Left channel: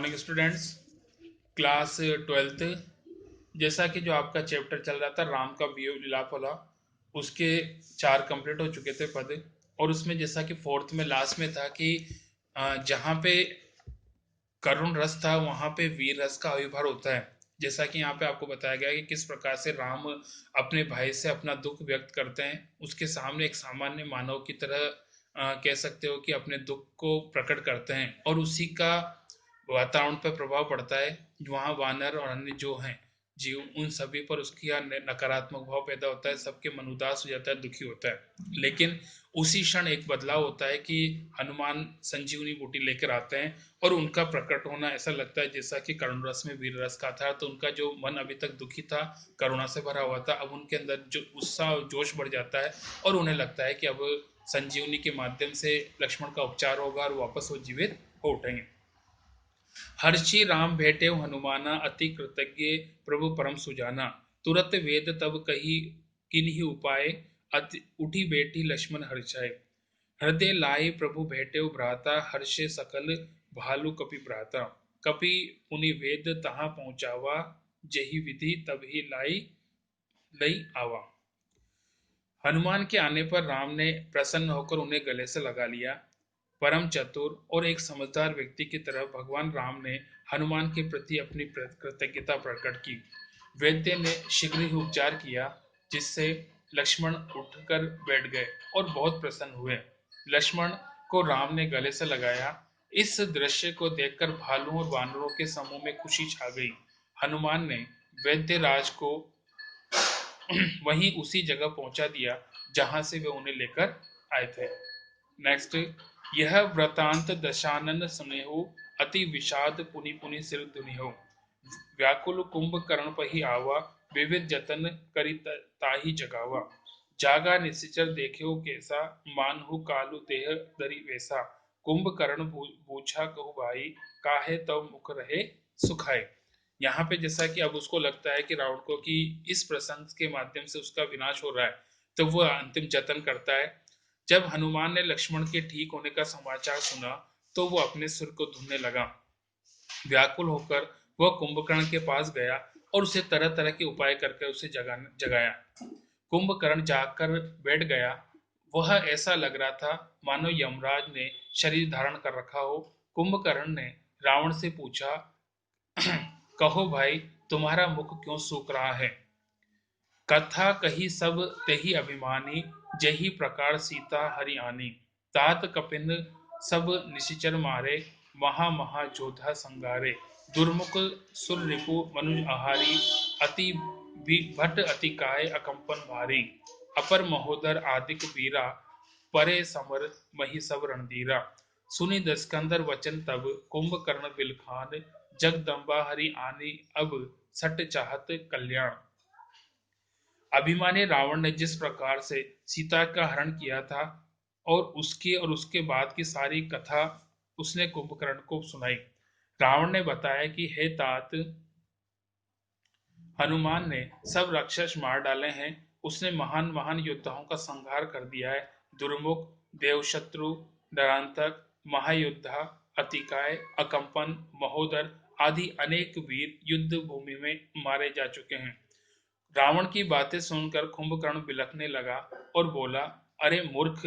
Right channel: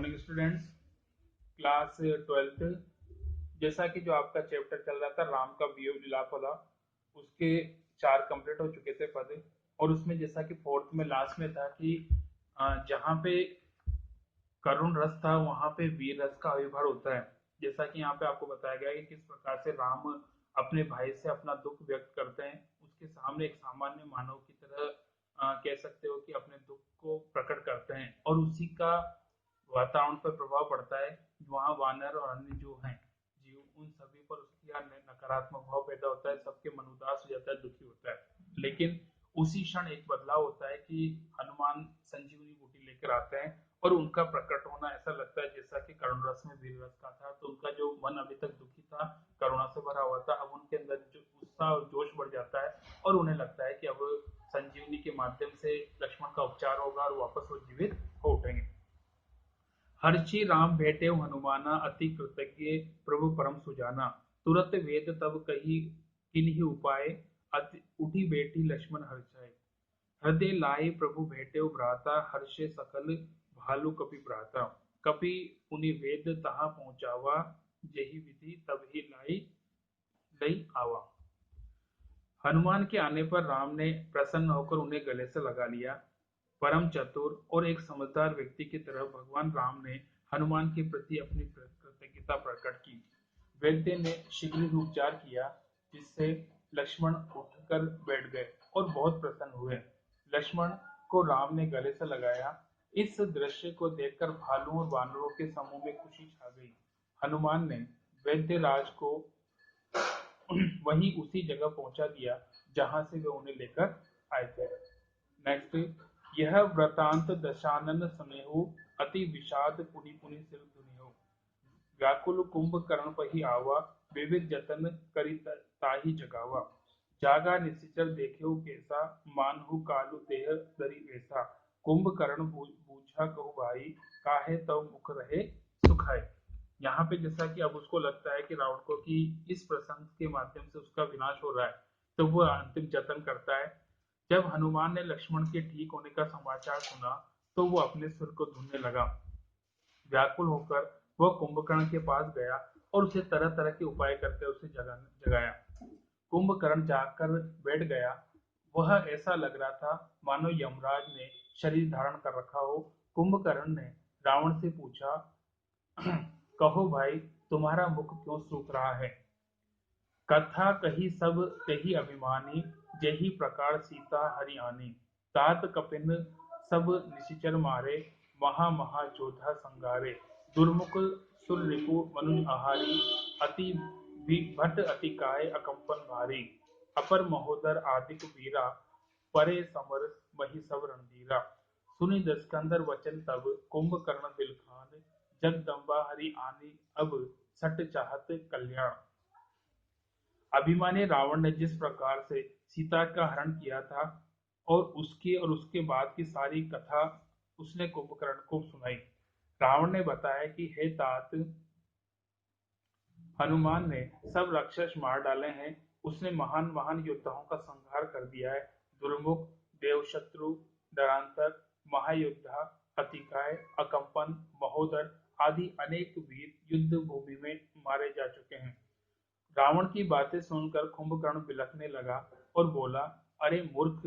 Morning students. Class 12th। जैसा कि जो आपका चैप्टर चल रहा था राम का वियोग विलाप वाला, उसके 4 कंप्लीट हो चुके थे पद। और उसमें जैसा कि फोर्थ में लास्ट में था कि जहाँ पे करुण रस था वहां पे वीर रस का आविर्भाव होता है। जैसा कि यहाँ पे आपको बताया गया है कि किस प्रकार से राम अपने भाई से अपना दुख व्यक्त करते हैं, उसके सामने एक सामान्य मानव की तरह कह सकते हो कि अपने दुख को प्रकट करते हैं, और उसी का वातावरण पर प्रभाव पड़ता है। वहाँ वानर और अन्य जो हैं जीव, उन सभी पर उसकी नकारात्मक भाव पैदा होता है, सबके मन उदास हो जाता है, दुखी होता है। लेकिन उसी क्षण एक बदलाव होता है कि हनुमान संजीवनी बूटी लेकर आते हैं, और उनका प्रकट होना ऐसा लगता है जैसा कि करुण रस में वीर रस का था। तो उनका जो मन अभी तक दुखी था, करुणा से भरा हुआ था, अब उनके अंदर जो उत्साह और जोश बढ़ जाता है, और उन्हें लगता है कि अब संजीवनी के माध्यम से लक्ष्मण का उपचार होगा और वापस वो जीवित हो उठेंगे। हर्षि राम भेटे हनुमाना, अति कृतज्ञ प्रभु परम सुजाना। तुरत वेद तब कही किन्हीं उपाय, अति उठी बेटी लक्ष्मण हर्षाए। हृदय लाई प्रभु भेटे भ्राता, हर्षे सकल भालु कपि भ्राता। कपि पुनि वेद तहाँ पहुंचावा, जही विधि तब ही लाई लई आवा। हनुमान के आने पर राम ने प्रसन्न होकर उन्हें गले से लगा लिया। परम चतुर और एक समझदार व्यक्ति की तरह भगवान राम ने हनुमान के प्रति अपनी कृतज्ञता प्रकट की। वैद्य ने शीघ्र ही उपचार किया, जिससे लक्ष्मण उठकर बैठ गए और बहुत प्रसन्न हुए। लक्ष्मण को राम ने गले से लगाया। इस दृश्य को देखकर भालुओं और वानरों के समूह में खुशी छा गई। हनुमान ने वैद्य राज को वहीं उसी जगह पहुंचा दिया जहां से वे उन्हें लेकर आए थे। नेक्स्ट, यह वृतांत दशानन सुनेहु, अति विषाद पुनि पुनि सिर दुनिहो। व्याकुल कुंभ कर्ण पही आवा, विविध जतन करी ताही जगावा। जागा निशिचर देखे कैसा, मानहु कालु देह दरी वैसा। कुंभकर्ण पूछा कहु भाई, काहे तव मुख रहे सुखाए। यहाँ पे जैसा कि अब उसको लगता है कि रावण को कि इस प्रसंग के माध्यम से उसका विनाश हो रहा है, तो वो अंतिम जतन करता है। जब हनुमान ने लक्ष्मण के ठीक होने का समाचार सुना, तो वो अपने सिर को धुनने लगा। व्याकुल होकर वह कुंभकर्ण के पास गया और उसे तरह तरह के उपाय करके उसे जगाया। कुंभकर्ण जाकर बैठ गया। वह ऐसा लग रहा था मानो यमराज ने शरीर धारण कर रखा हो। कुंभकर्ण ने रावण से पूछा, कहो भाई, तुम्हारा मुख क्यों सूख रहा है। कथा कही सब तेहि अभिमानी, जही प्रकार सीता हरि आनी। तात कपिन सब निशिचर मारे, महा महा जोधा संगारे। दुर्मुख सुर रिपु मनुज आहारी, अति भट अति काय अकंपन भारी। अपर महोदर आदिक वीरा, परे समर मही सब रणधीरा। सुनी दस्कंदर वचन तब, कुंभकर्ण बिलखान। जगदम्बा हरि आनी अब, सट चाहत कल्याण। अभिमानी रावण ने जिस प्रकार से सीता का हरण किया था और उसके बाद की सारी कथा उसने कुंभकर्ण को सुनाई। रावण ने बताया कि हे तात, हनुमान ने सब राक्षस मार डाले हैं। उसने महान महान योद्धाओं का संहार कर दिया है। दुर्मुख, देवशत्रु, नरांतक, महायोद्धा, अतिकाय, अकंपन, महोदर आदि अनेक वीर युद्ध भूमि में मारे जा चुके हैं। रावण की बातें सुनकर कुंभकर्ण बिलखने लगा और बोला, अरे मूर्ख,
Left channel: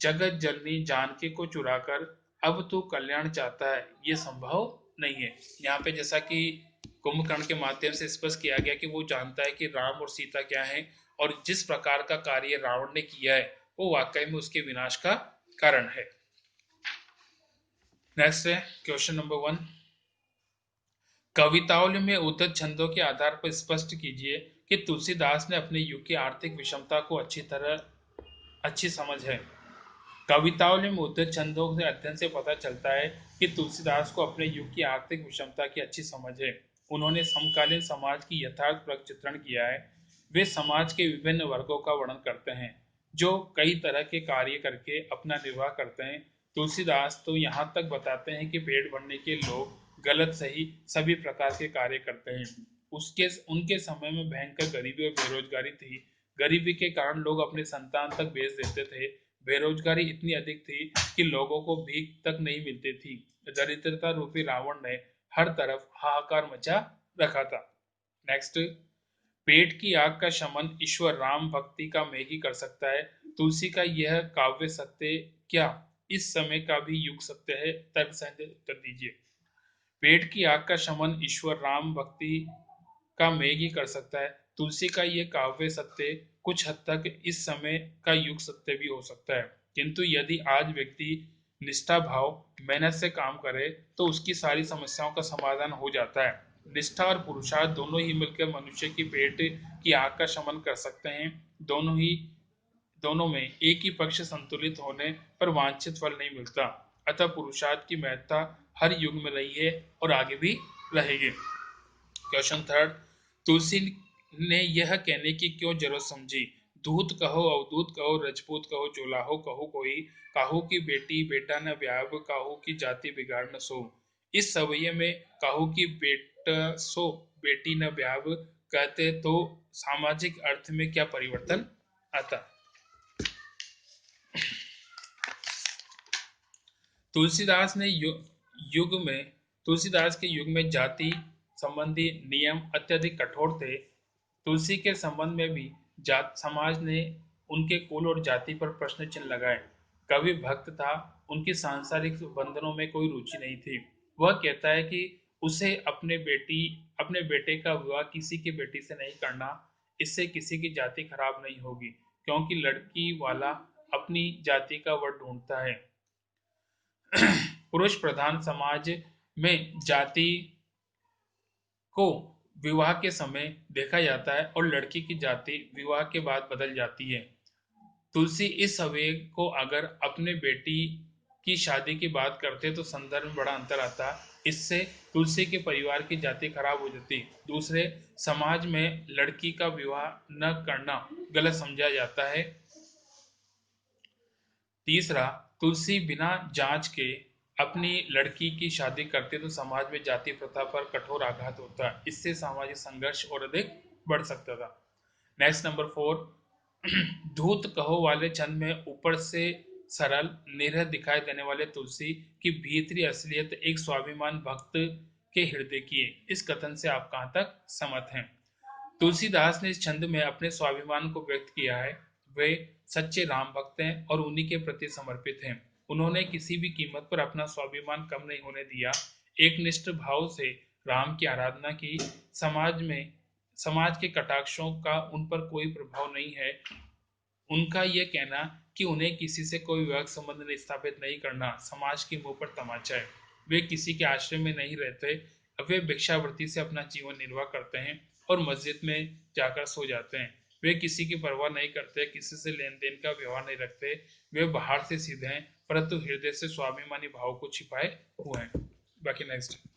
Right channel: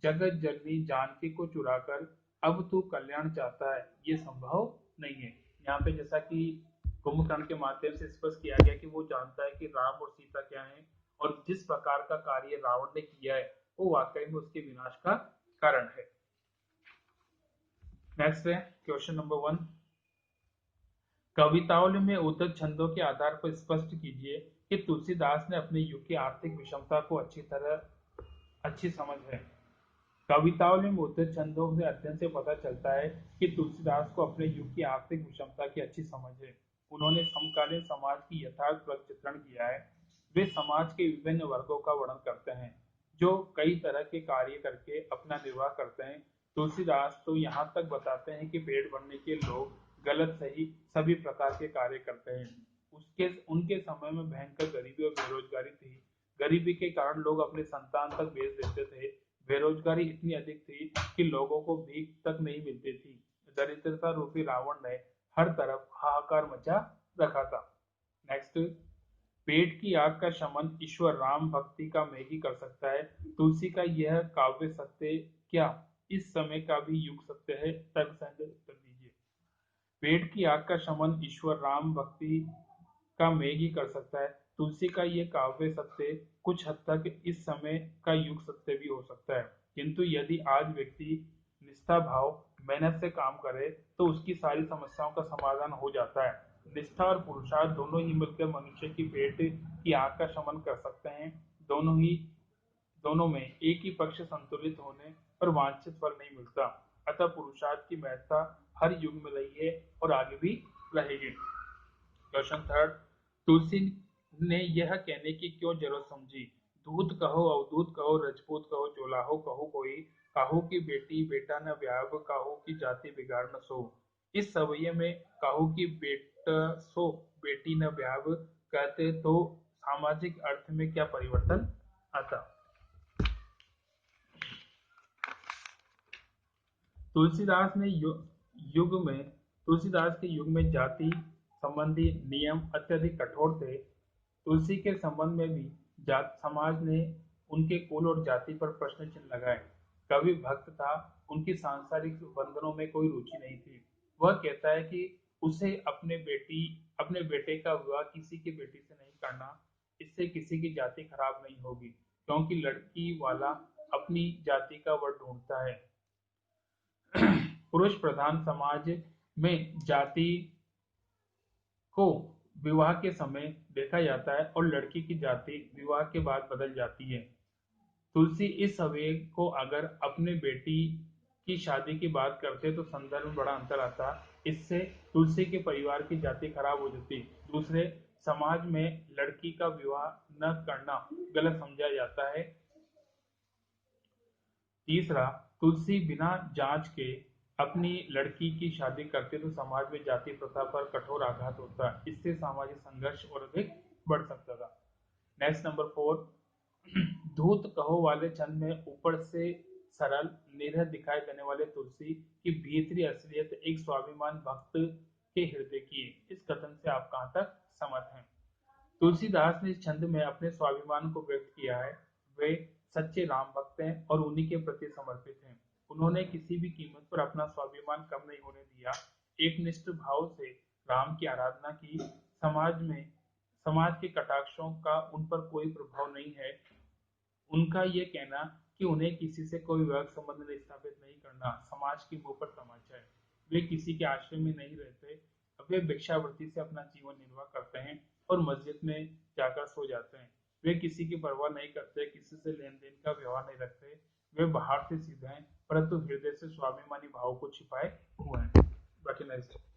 जगत जननी जानकी को चुराकर अब तू कल्याण चाहता है, ये संभव नहीं है। यहाँ पे जैसा कि कुंभकर्ण के माध्यम से स्पष्ट किया गया कि वो जानता है कि राम और सीता क्या है, और जिस प्रकार का कार्य रावण ने किया है वो वाकई में उसके विनाश का कारण है। नेक्स्ट है क्वेश्चन नंबर 1। कवितावली में उद्धत छंदों के आधार पर स्पष्ट कीजिए कि तुलसीदास ने अपने युग की आर्थिक विषमता को अच्छी समझ है। कवितावली में उद्धत छंदों के अध्ययन से पता चलता है कि तुलसीदास को अपने युग की आर्थिक विषमता की अच्छी समझ है। उन्होंने समकालीन समाज की यथार्थ चित्रण किया है। वे समाज के विभिन्न वर्गों का वर्णन करते हैं जो कई तरह के कार्य करके अपना निर्वाह करते हैं। तुलसीदास तो यहाँ तक बताते हैं कि पेट भरने के लोग गलत सही सभी प्रकार के कार्य करते हैं। उसके उनके समय में भयंकर गरीबी और बेरोजगारी थी। गरीबी के कारण लोग अपने संतान तक बेच देते थे। बेरोजगारी इतनी अधिक थी कि लोगों को भीख तक नहीं मिलती थी। दरिद्रता रूपी रावण ने हर तरफ हाहाकार मचा रखा था। नेक्स्ट, पेट की आग का शमन ईश्वर राम भक्ति का मेघ कर सकता है। तुलसी का यह काव्य सत्य क्या इस समय का भी युग सत्य है? तर्क सहित उत्तर दीजिए। पेट की आग का शमन ईश्वर राम भक्ति का मेघ ही कर सकता है। तुलसी का ये काव्य सत्य कुछ हद तक इस समय का युग सत्य भी हो सकता है, किंतु यदि आज व्यक्ति निष्ठा भाव मेहनत से काम करे तो उसकी सारी समस्याओं का समाधान हो जाता है। निष्ठा और पुरुषार्थ दोनों ही मिलकर मनुष्य की पेट की आग का शमन कर सकते हैं। दोनों में एक ही पक्ष संतुलित होने पर वांछित फल नहीं मिलता। अतः पुरुषार्थ की महत्ता हर युग में रही है और आगे भी रहेगी। क्वेश्चन थर्ड, तुलसी ने यह कहने की क्यों जरूरत समझी? दूत कहो अवधूत कहो रजपूत कहो जोलाहो कहो कोई, काहू की बेटी बेटा न व्याप काहू की जाति बिगाड़ न सो। इस सवये में काहू की बेटा सो बेटी न व्याप कहते तो सामाजिक अर्थ में क्या परिवर्तन आता? तुलसीदास ने युग में तुलसीदास के युग में जाति संबंधी नियम अत्यधिक कठोर थे। तुलसी के संबंध में भी जात समाज ने उनके कुल और जाति पर प्रश्न चिन्ह लगाए। कवि भक्त था, उनकी सांसारिक बंधनों में कोई रुचि नहीं थी। वह कहता है कि उसे अपने बेटे का विवाह किसी की बेटी से नहीं करना, इससे किसी की जाति खराब नहीं होगी, क्योंकि लड़की वाला अपनी जाति का वर ढूंढता है। पुरुष प्रधान समाज में जाति को विवाह के समय देखा जाता है और लड़की की जाति विवाह के बाद बदल जाती है। तुलसी इस अवयव को अगर अपने बेटी की शादी की बात करते तो संदर्भ में बड़ा अंतर आता। इससे तुलसी के परिवार की जाति खराब हो जाती। दूसरे, समाज में लड़की का विवाह न करना गलत समझा जाता है। तीसरा, तुलसी बिना जांच के अपनी लड़की की शादी करते तो समाज में जाति प्रथा पर कठोर आघात होता, इससे सामाजिक संघर्ष और अधिक बढ़ सकता था। नेक्स्ट नंबर फोर, धूत कहो वाले छंद में ऊपर से सरल निरह दिखाई देने वाले तुलसी की भीतरी असलियत एक स्वाभिमान भक्त के हृदय की है। इस कथन से आप कहां तक सहमत हैं? तुलसीदास ने इस छंद में अपने स्वाभिमान को व्यक्त किया है। वे सच्चे राम भक्त हैं और उन्हीं के प्रति समर्पित हैं। उन्होंने किसी भी कीमत पर अपना स्वाभिमान कम नहीं होने दिया। एक निष्ठ भाव से राम की आराधना की। समाज के कटाक्षों का उन पर कोई प्रभाव नहीं है। उनका यह कहना कि उन्हें किसी से कोई वैवाहिक संबंध स्थापित नहीं करना समाज के मुंह पर तमाचा है। वे किसी के आश्रय में नहीं रहते। वे भिक्षावृत्ति से अपना जीवन निर्वाह करते हैं और मस्जिद में जाकर सो जाते हैं। वे किसी की परवाह नहीं करते, किसी से लेन देन का व्यवहार नहीं रखते। वे बाहर से सीधे हैं परंतु हृदय से स्वाभिमानी भाव को छिपाए हुए हैं। बाकी नेक्स्ट।